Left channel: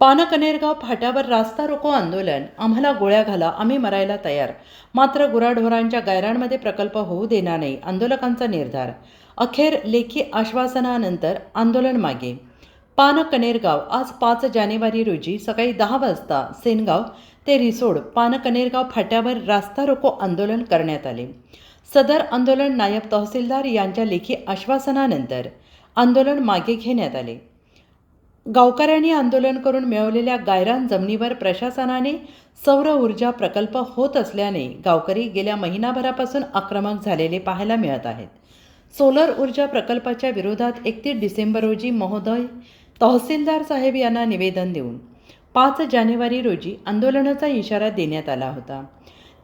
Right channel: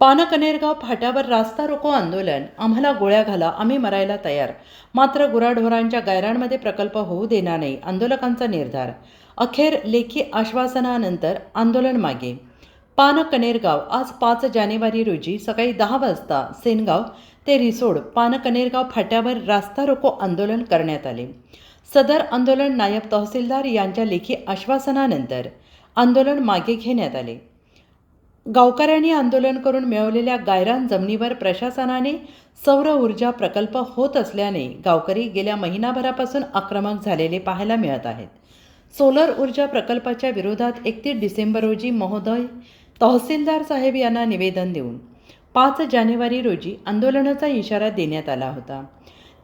पानकनेरगाव फाट्यावर रास्ता रोको आंदोलन. आम्हाला गोळ्या घाला आम्ही मरायला तयार. मात्र गुराढोरांच्या गायरांमध्ये प्रकल्प होऊ देणार नाही आंदोलकांचा निर्धार. अखेर लेखी आश्वासनानंतर आंदोलन मागे. पानकनेरगाव आज पाच जानेवारी रोजी सकाळी दहा वाजता सेनगाव ते रिसोड पानकनेरगाव फाट्यावर रास्ता रोको आंदोलन करण्यात आले. सदर आंदोलन नायब तहसीलदार यांच्या लेखी आश्वासनानंतर आंदोलन मागे घेण्यात आले. गावकऱ्यांनी आंदोलन करून मिळवलेल्या गायरान जमिनीवर प्रशासनाने सौर ऊर्जा प्रकल्प होत असल्याने गावकरी गेल्या महिनाभरापासून आक्रमक झालेले पाहायला मिळत आहेत. सोलर ऊर्जा प्रकल्पाच्या विरोधात एकतीस डिसेंबर रोजी महोदय तहसीलदार साहेब यांना निवेदन देऊन पाच जानेवारी रोजी आंदोलनाचा इशारा देण्यात आला होता.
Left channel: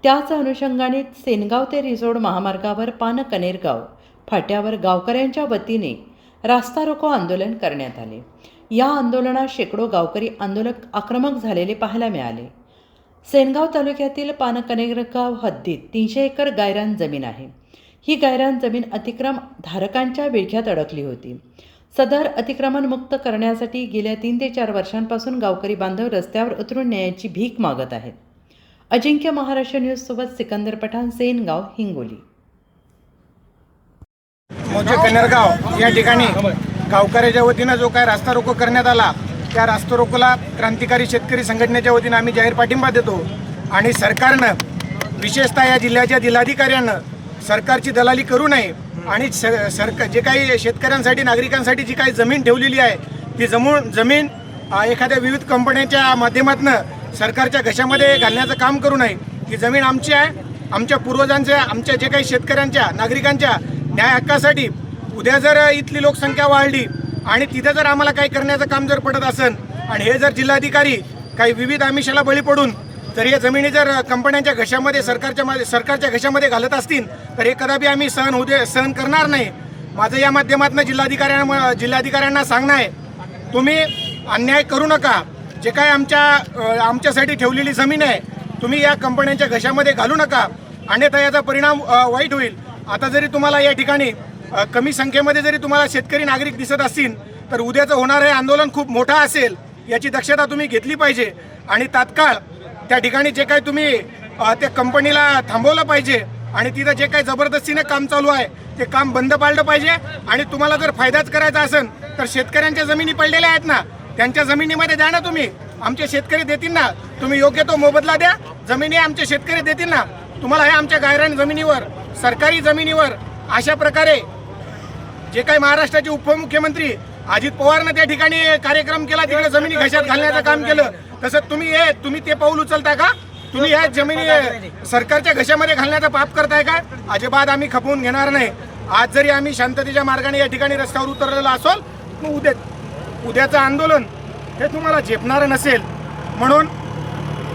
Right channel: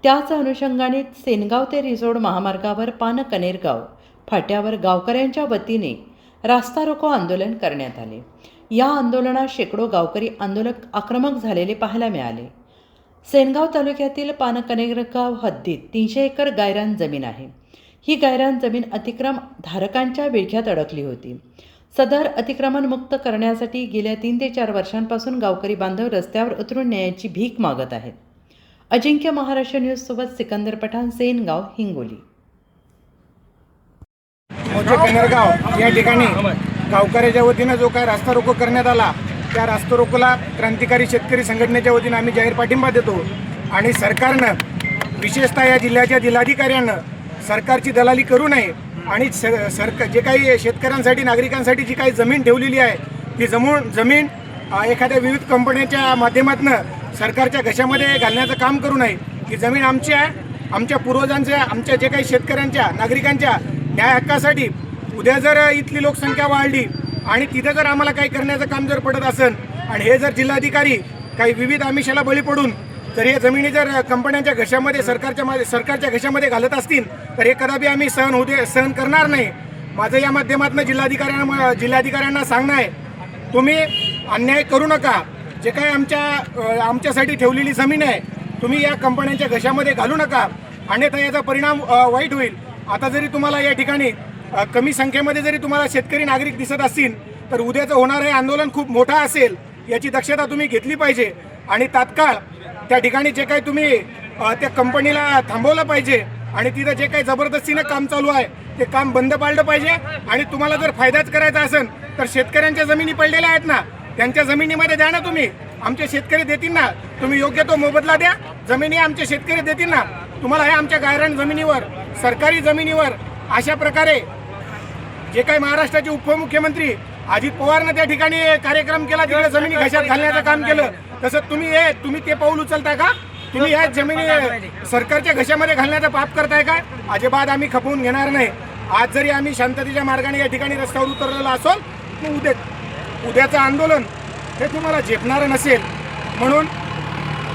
त्याच अनुषंगाने सेनगाव ते रिसोड महामार्गावर पानकनेरगाव फाट्यावर गावकऱ्यांच्या वतीने रास्ता रोको आंदोलन करण्यात आले. या आंदोलनात शेकडो गावकरी आंदोलक आक्रमक झालेले पाहायला मिळाले. सेनगाव तालुक्यातील पानकनेरगाव हद्दीत तीनशे एकर गायरान जमीन आहे. ही गायरान जमीन अतिक्रम धारकांच्या विळख्यात अडकली होती. सदर अतिक्रमण मुक्त करण्यासाठी गेल्या तीन ते चार वर्षांपासून गावकरी बांधव रस्त्यावर उतरून न्यायाची भीक मागत आहेत. अजिंक्य महाराष्ट्र न्यूजसोबत सिकंदर पठाण सेनगाव हिंगोली. या ठिकाणी गावकऱ्याच्या वतीनं जो काय रास्ता रोको करण्यात आला त्या रास्ता रोकोला क्रांतिकारी शेतकरी संघटनेच्या वतीनं आम्ही जाहीर पाठिंबा देतो. आणि सरकारनं विशेषतः या जिल्ह्याच्या जिल्हाधिकाऱ्यांनं सरकारची दलाली करू नये आणि स सरकार जे काही शेतकऱ्यांसाठी नागरिकांसाठी जी काही जमीन ठेवलेली आहे ती जमून जमीन एखाद्या विविध कंपन्यांच्या माध्यमातून सरकारच्या घशामध्ये घालण्याचं काम करू नये. ही जमीन आमची आहे. आमच्या पूर्वजांच्या आमच्या जे काही शेतकऱ्यांच्या नागरिकांच्या न्याय हक्कासाठी उद्या जर इथली लोकसंख्या वाढली आणि तिथं जर आम्हाला काही करण्याचं काम जर पडत असेल आणि हे जर जिल्हाधिकारी काही विविध आमिषाला बळी पडून जर या जमिनी जर कंपन्यांच्या घशामध्ये सरकारच्या मा- सरकारच्या घशामध्ये घालत असतील तर हे कदापि आम्ही सहन होऊ दे सहन करणार नाही. माझं या माध्यमातून जिल्हाधिकाऱ्यांना जिल्हाधिकाऱ्यांना सांगणं आहे तुम्ही अन्याय करू नका. जे काय आमच्या आमच्यासाठी ठेवलेली जमीन आहे तुम्ही या कंपन्यांच्या घशामध्ये घालू नका. अन्यथा याचा परिणाम वाईट होईल. आता जरी तुम्हाला या ठिकाणी कमी संख्येमध्ये जरी तुम्हाला शेतकरी नागरिक दिसत असतील तर उद्याचं होणारं हे आंदोलन खूप मोठं असेल याची दक्षता तुम्ही घेतली पाहिजे. आणि तात्काळ त्या ठिकाणी जे काही तुम्ही त्या कंपनीला थांबवलं पाहिजे आणि तिथं जे काही जबरदस्तीने काम चालू आहे ते काम बंद पाडलं पाहिजे. आणि तुम्हाला जर फायदाच करायचा असेल तर शेतकऱ्यांच्या जमिनी पडलेल्या आहेत ना त्यांच्या जमिनीमध्ये द्या ना तुम्ही. आमचे शेतकरी देतील ना तुम्ही योग्य तो मोबदला द्या. जमिनी आमचे शेतकरी देतील ना तुम्हाला हे आमच्या गायरान जमिनीवर सरकारी जमिनीवर अशा प्रकारे जे काही महाराष्ट्राचे उपमुख्यमंत्री अजित पवारनं त्या ठिकाणी कार्यक्रम केला तिकडे जमिनी घशात घालण्याचं काम केलं. तसं तुम्ही हे तुम्ही ते पाऊल उचलता का? तुम्ही या जमिनी सरकारच्या घशामध्ये घालण्याचं पाप करताय का? अजिबात आम्ही खपवून घेणार नाही. आज जरी आम्ही शांततेच्या मार्गाने या ठिकाणी रस्त्यावर उतरलेलो असोल मग उद्या उद्याचं आंदोलन हे तुम्हाला झेपणारं नसेल. म्हणून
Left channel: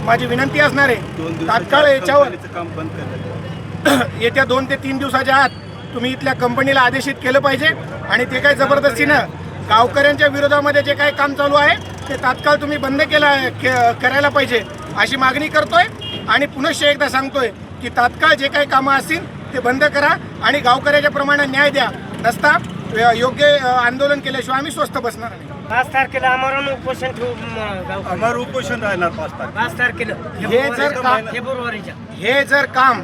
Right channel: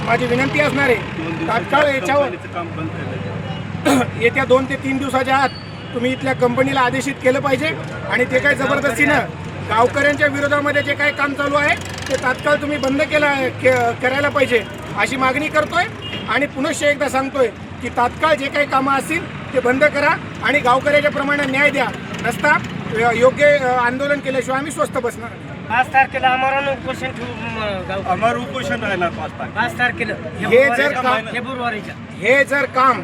माझी विनंती असणार आहे तात्काळ याच्यावर येत्या दोन ते तीन दिवसाच्या आत तुम्ही इथल्या कंपनीला आदेशित केलं पाहिजे आणि ते काही जबरदस्तीनं गावकऱ्यांच्या विरोधामध्ये जे काही काम चालू आहे ते तात्काळ तुम्ही बंद केला के- करायला पाहिजे अशी मागणी करतोय. आणि पुनश्च एकदा सांगतोय की तात्काळ जे काही कामं असतील ते बंद करा आणि गावकऱ्याच्या प्रमाणे न्याय द्या. नसता अ, योग्य आंदोलन केल्याशिवाय आम्ही स्वस्त बसणार नाही. पाच तारखेला आम्हाला उपोषण ठेवू उपोषण राहणार पाच तारखेला. हे जर का फेब्रुवारीच्या हे जर काम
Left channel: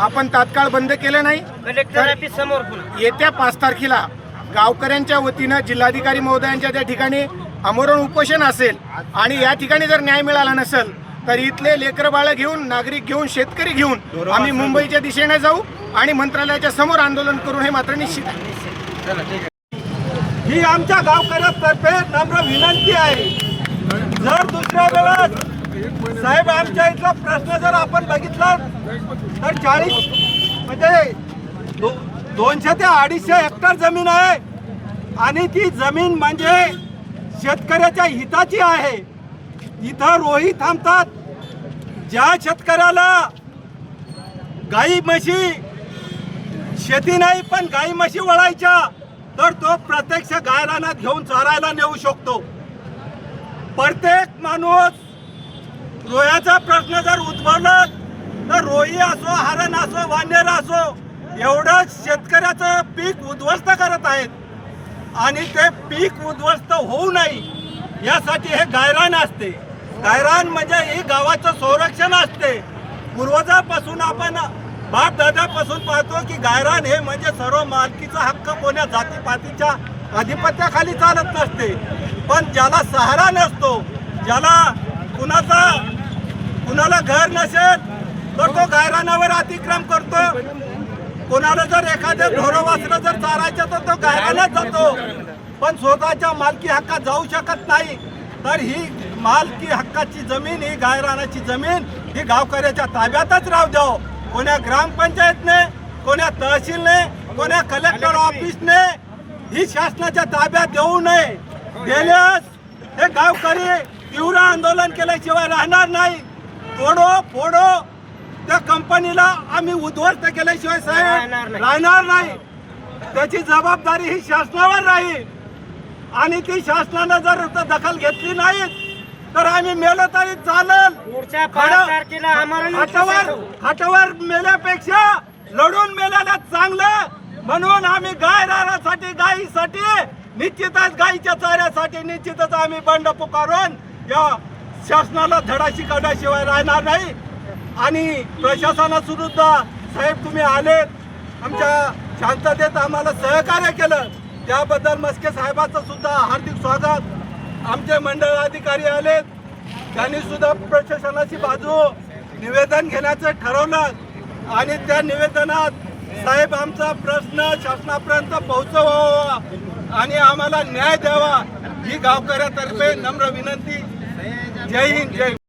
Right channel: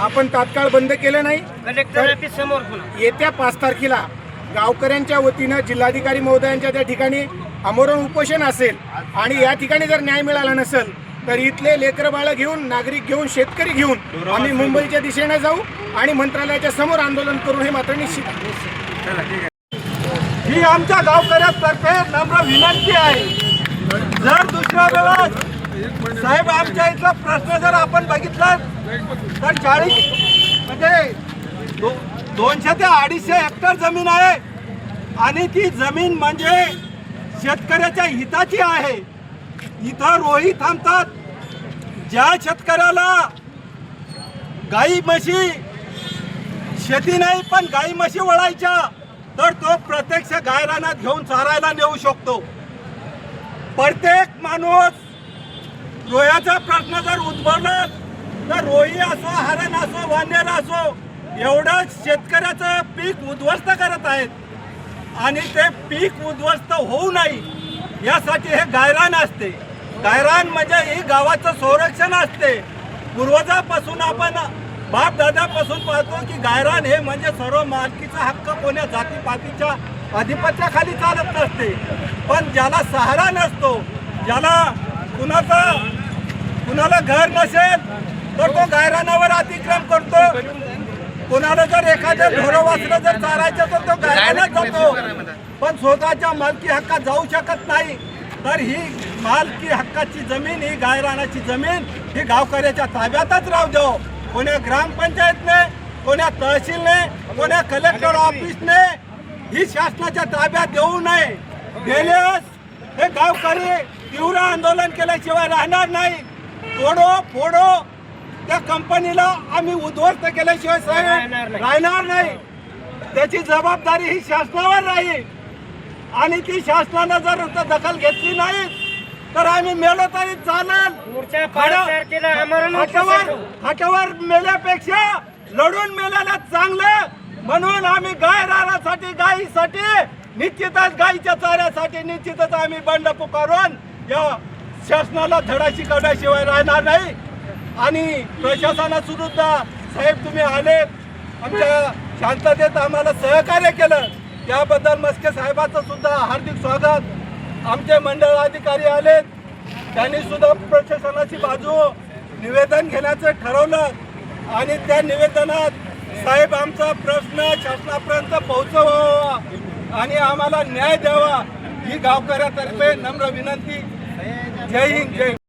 आपण तात्काळ बंद केलं नाही. कलेक्टर ऑफिस समोर बोला. येत्या पाच तारखेला गावकऱ्यांच्या वतीनं जिल्हाधिकारी महोदयांच्या त्या ठिकाणी आमरण उपोषण असेल आणि या ठिकाणी जर न्याय मिळाला नसेल तर इथले लेकरं बाळं घेऊन नागरिक घेऊन शेतकरी घेऊन आम्ही मुंबईच्या दिशेने जाऊ आणि मंत्रालयाच्या समोर आंदोलन करू हे मात्र निश्चित आहे. ही आमच्या गावकऱ्यांतर्फे नम्र विनंती आहे. जर दुसऱ्या वेळेस साहेब आमच्या इथला प्रश्न जर आपण बघितला तर चाळीस म्हणजे दो दोनशे ते अडीचशे हेक्टर जमीन आहे. आणि ती जमीन म्हणजे शेतकऱ्याच्या हिताची आहे. इथं रोही थांबतात. ज्या शेतकऱ्याला गाई म्हशी शेती नाही पण गाई म्हशी वळायच्या तर तो प्रत्यक्ष गायरानात घेऊन चारायला नेऊ शकतो. प्रत्येक माणूस रोयाचा प्रश्न जर उद्भवला तर रोही असो हरण असो वानेर असो एवढंच शेतकऱ्याचं पीक उद्ध्वस्त करत आहेत. आणि ते पीक उद्ध्वस्त होऊ नये यासाठी हे गायरान असते. गायरान म्हणजे ही गावाचं संरक्षण असते. पूर्वजापासून आपण बाप दादापासून पाहतो की गायरान हे म्हणजे सर्व मालकीचा हक्क कोण्या जातीपातीच्या अधिपत्याखाली चालत नसते. पण ज्याला सहारा नसतो ज्याला कुणाचा कुणाला घर नसेल तर तो गायरानावर अतिक्रम करतो. कोणाला जर एखादं ढोरं वाचलं जर चारायचं तर तो गायरानाच जातो. पण स्वतःच्या मालकी हक्कात जाऊ शकत नाही. तर ही मालकी हक्काची जमीन ही गायरानाची जमीन ही गावकऱ्याच्या ताब्यातच राहू द्याव हो. कोण्या ग्रामपंचायतने कोण्या तहसीलने कोण्या कलेक्टर ऑफिसने ही शासनाच्या ताब्यात देऊ नये. गेल्यास हे गावकरी तीव्र आंदोलन केल्याशिवाय राहणार नाही. तोडो फोडो. त्या कंपनीला आम्ही उद्ध्वस्त केल्याशिवाय साहेब राहणार नाही. राहणार नाही. त्याची जबाबदारी ही शासनावर राहील. आणि ती शासनानं जर दखल घेतली नाही तर आम्ही मेलो तरी चालेल. हातावर हातावर मेल्यापेक्षा लढून मेल्याला चांगलं. म्हणून आम्ही गाय राहण्यासाठी गायीसाठी निश्चितच गायीच्या चाऱ्यासाठी निश्चितच आम्ही बंड पुकारून या शासनाला धडा शिकवल्याशिवाय राहणार नाही. आणि प्रशासनासुद्धा साहेब तुम्ही आलेत आमच्या शांततेत आम्हाला सहकार्य केलं. त्याबद्दल मस्के साहेबाचं सुद्धा हार्दिक स्वागत. आमचे मंडळ अधिकारी आलेत त्यांनी सुद्धा प्रशासनाची बाजू निवेदन घेण्याचं ठरवलं. आणि त्या निवेदनात साहेब आमचा प्रश्न शासनापर्यंत पोहोचवावा आणि आम्हाला न्याय द्यावा ही गावकऱ्यातर्फे नम्र विनंती जय हिंद जय